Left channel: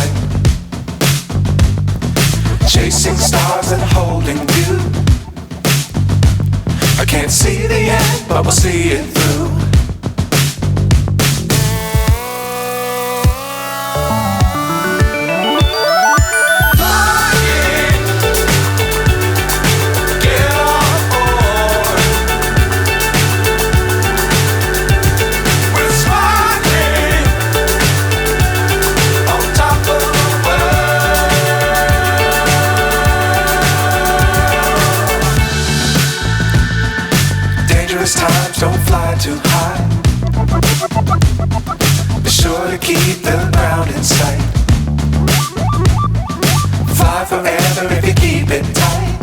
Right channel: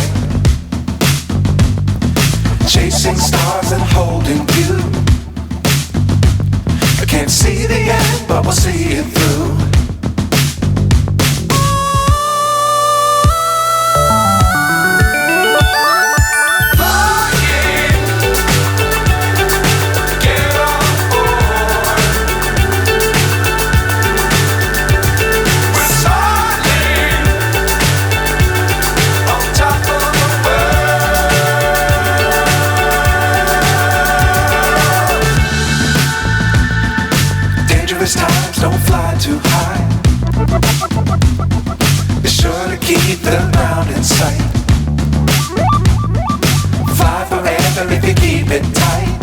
right. Chasing stars and holding you. I can't see the end, but we'll see it through. Times don't fly too high. Be sure to keep the ground in sight. Fly forever if you keep it tight.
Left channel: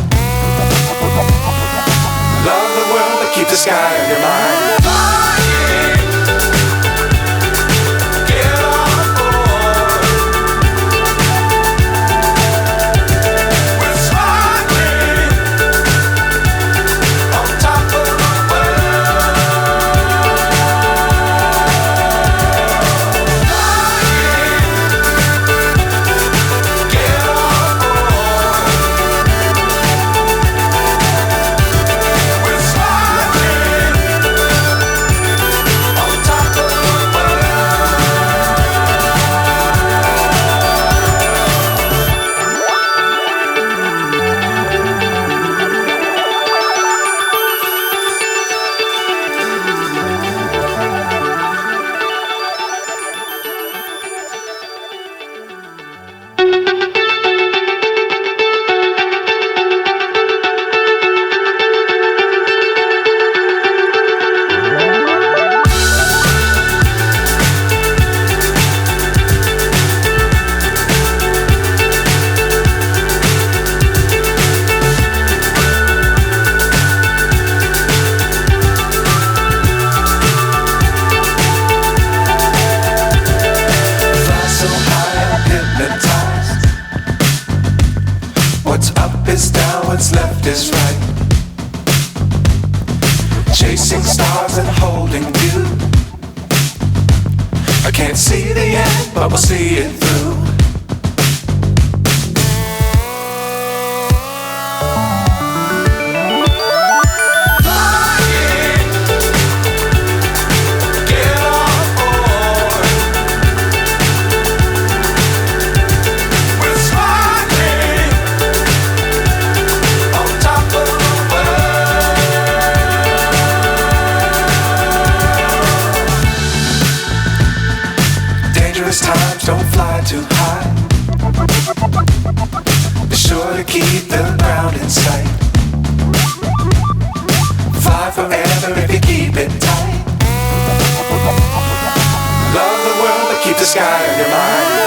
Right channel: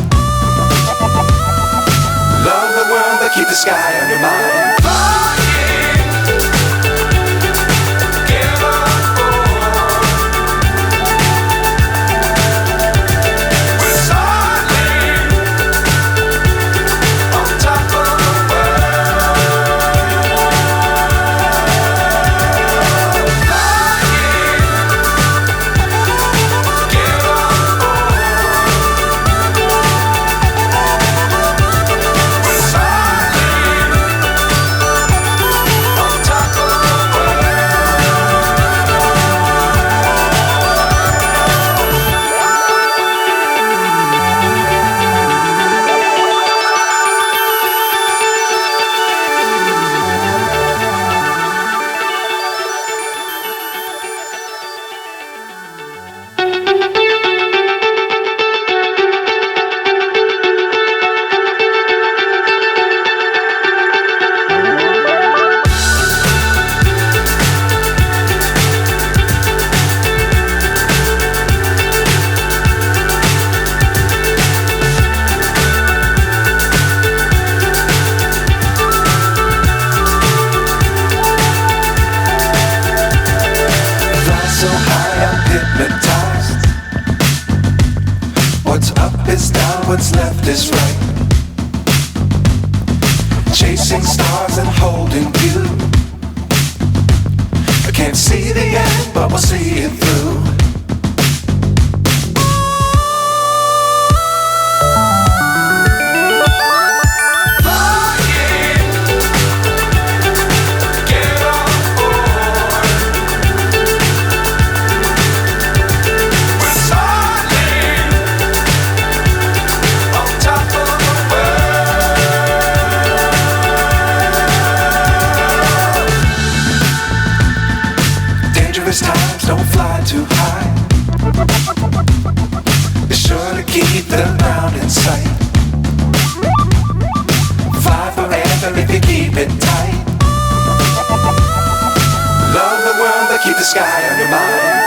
Love the world but keep the sky on your mind. So high I'm hypnotized. What's up is down, what's left is right. Chasing stars and holding you. I can't see the end, but we'll see it through. Times don't fly too high. Be sure to keep the ground in sight. Fly forever if you keep it tight. Love the world but keep the sky on your mind.